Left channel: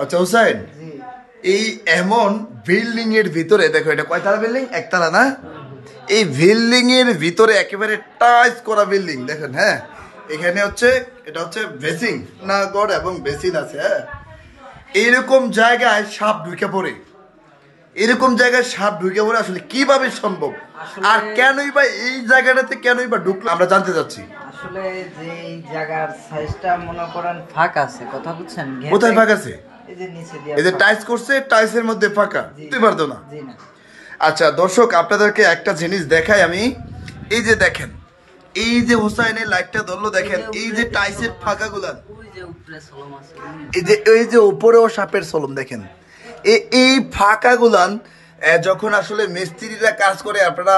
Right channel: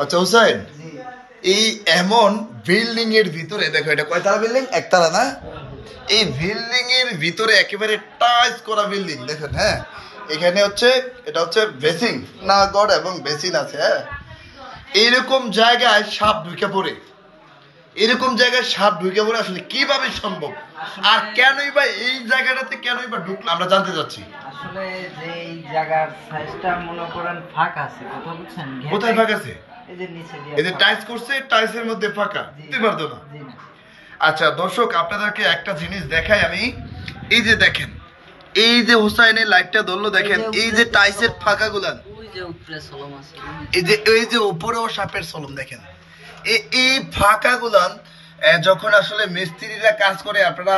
আচ্ছা হুসাইন, এই এমন বিল্ডিং এর ভিতরে দেখো, এটা কয়তলা বিল্ডিং? একতলা না? এই বিল্ডিং এর ভিতরে একেবারে টাইলস করা বিল্ডিং দেখেন। হ্যাঁ, এখানে হচ্ছে এটা হচ্ছে বেসিং না গড এবং বেসিন আছে। হ্যাঁ, এইরকম জায়গায় সাপ ঢুকে পড়ে, এরকম জায়গায় সাপ ঢুকে পড়ে আসলে কিভাবে সম্ভব? আর কেনই বা এই জায়গাটাতে কেনই বা ঢুকলো আমরা জানতে চাচ্ছি। আসলে যে জায়গার সাইজটা মনে করেন ফাঁকা আছে, কথা বুঝছেন? কোথায় ফাঁকা আছে? এই যে নিচে দিয়ে এই যে টাইলস করছে, টাইলসের মধ্যে ফাঁকা, বুঝতে পারতো না। জি না। আচ্ছা দর্শক, আপনাদেরকে একটা জিনিস দেখাই আমি। এই যে দেখেন, এই যে হুসাইনের লাইটটা ধরলো, দেখেন এই যে টাইলসের ফাঁকাগুলান, এই যে উপরেও সাপের সলম দেখেন। এই ফাঁকাগুলান যখন আসলে মিস্ত্রিরা কাজ করে, আপনারা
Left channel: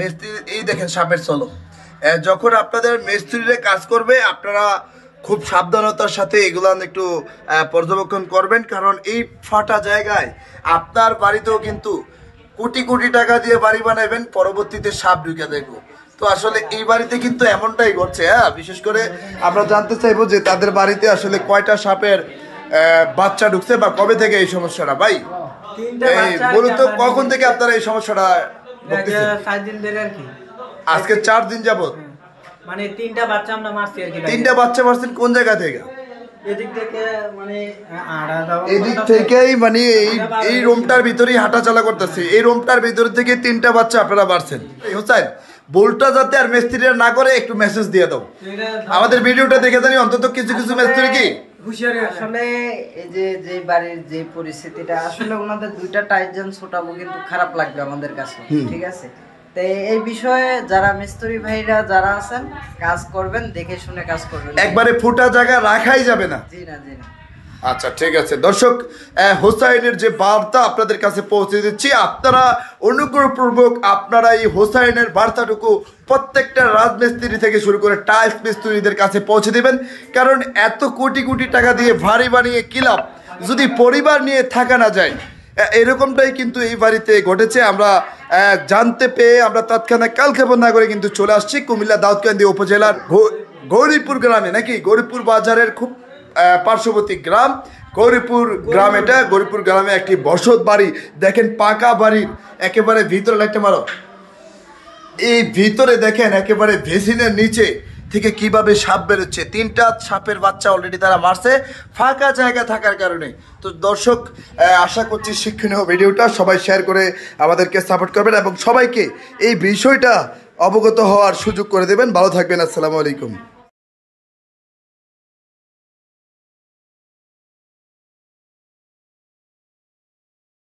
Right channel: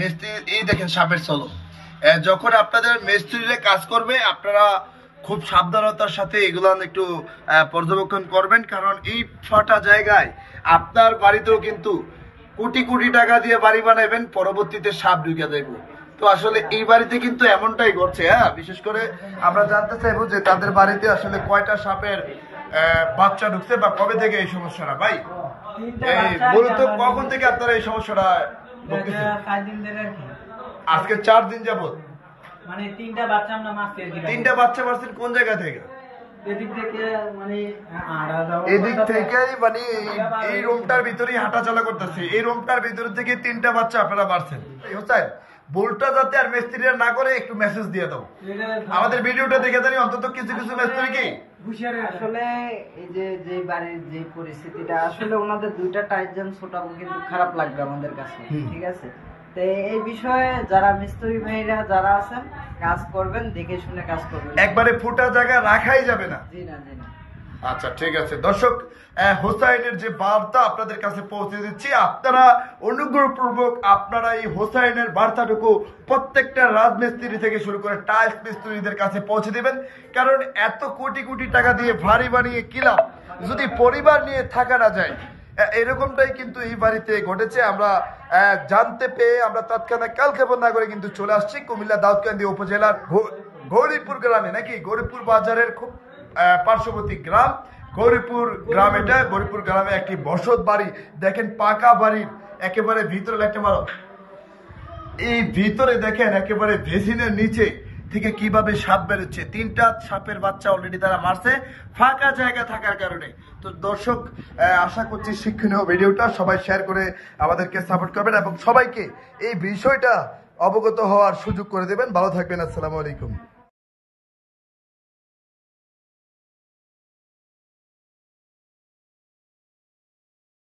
মিস্ত্রি, এই দেখেন সাপের সলম, যখন আপনাদের মিস্ত্রিরা কাজ করবে আপনারা খুব সাবধানতার সাথে এগুলান একটু পর্যবেক্ষণ করবেন, কারণ এই ফাটা জায়গায় আপনার বাড়িতেও কিন্তু কোটি কোটি টাকা দিয়ে বাড়ি বানাইবেন, পরবর্তীতে সাপ ঢুকে যাইব। তো আসলে এই বাড়িতে কিন্তু এমনটাই ঘটছে। হ্যাঁ, বিশেষ করে আমরা জানতে চাইবো যে তাদের বাড়িতে আসলে কয়টা সাপের বাচ্চা ঢুকছে বা কবে থেকে এই সমস্যাটা। ভাই মূলত কখন থেকে আপনারা এই সমস্যাটা ভুগতেছেন? 4 দিন ধরে আর কি। আজকে 4 দিন যাবত মানে 3টা বাচ্চা আমরা মারছি আর কি। 3টা বাচ্চা মারছেন কোন জায়গা থেকে? এদিক থেকে মানে এদিক থেকেই, মানে এই রুমটার ভিতরেই হাঁটা চলা করতেছে। এই রুমটার ভিতর থেকে 3টা বাচ্চা আপনারা মারছেন। হুসাইন, ভুলটা যাতে আর মিস্ত্রিরা না করে একটু মেসেজ দিয়ে দাও। আমাদের ভিডিওটা দেখে জানি অন্তত কিছু কিছু মিস্ত্রি কি আসলে এই যে বাড়ির যে পরিস্থিতিটা, আসলে ওনাদের 2টা টাইজন ছোটাবো কিন্তু খারাপ লাগবে আমাদের কাছে, ঠিক আছে? তো এই বিষয়ে যারা মিস্ত্রি ভাইরা যারা আছেন, কাজ করবেন, দেখে শুনে কাজ করবেন, একবারে ফুটা জায়গা রাখাই যাবে না। জি না, জি না। আচ্ছা ঠিক আছে দর্শক, হোসাইনের যে বার্তা আপনাদের কাছে পৌঁছে দিচ্ছি, আপনারা অনুগ্রহপূর্বক আপনারা এই হোসাইনের বার্তাটুকু প্রত্যেকটা রাজমিস্ত্রি থেকে শুরু করে টাইলস মিস্ত্রিদের কাছে পৌঁছে দিবেন, কারণ এত কোটি কোটি টাকা দিয়ে ভারী বানিয়ে কি লাভ যদি পরিবার নিয়ে থাকা না যায়। এরকমটাই কিন্তু এই বাড়িতে ঘটেছে। আমরা জানতে পেয়ে আমরা তৎক্ষণাৎ কালক্ষেপণ না করে কিন্তু চলে আসছি কুমিল্লা দাউদকান্দি উপজেলার গৌরীপুর গ্রামে, নাকি গৌরীপুর বাজারের খুব পার্শ্ববর্তী গ্রাম গৌরীপুর গ্রাম। এটা গৌরীপুর গ্রামে একটি বসত বাড়ি দেখেন, পাকা বাড়ি, একেবারে ভিতরে লাইটটা মারো, এই ভিতরে দেখেন একেবারে ভেসিনের নিচে থেকে কিভাবে সাপ বেরোচ্ছে। 3টা সাপের বাচ্চা অলরেডি তারা মারছে ফাঁকা জায়গা থাকার কারণে। তো দর্শক, আশা করছি শিক্ষণীয় ভিডিওটা সবাই শেয়ার করে আমাদেরকে সাপোর্ট করবেন এবং সবাইকে এই বিষয়টা অবগত হওয়ার সুযোগ করে দেবেন। ভালো থাকবেন, আসসালামু আলাইকুম।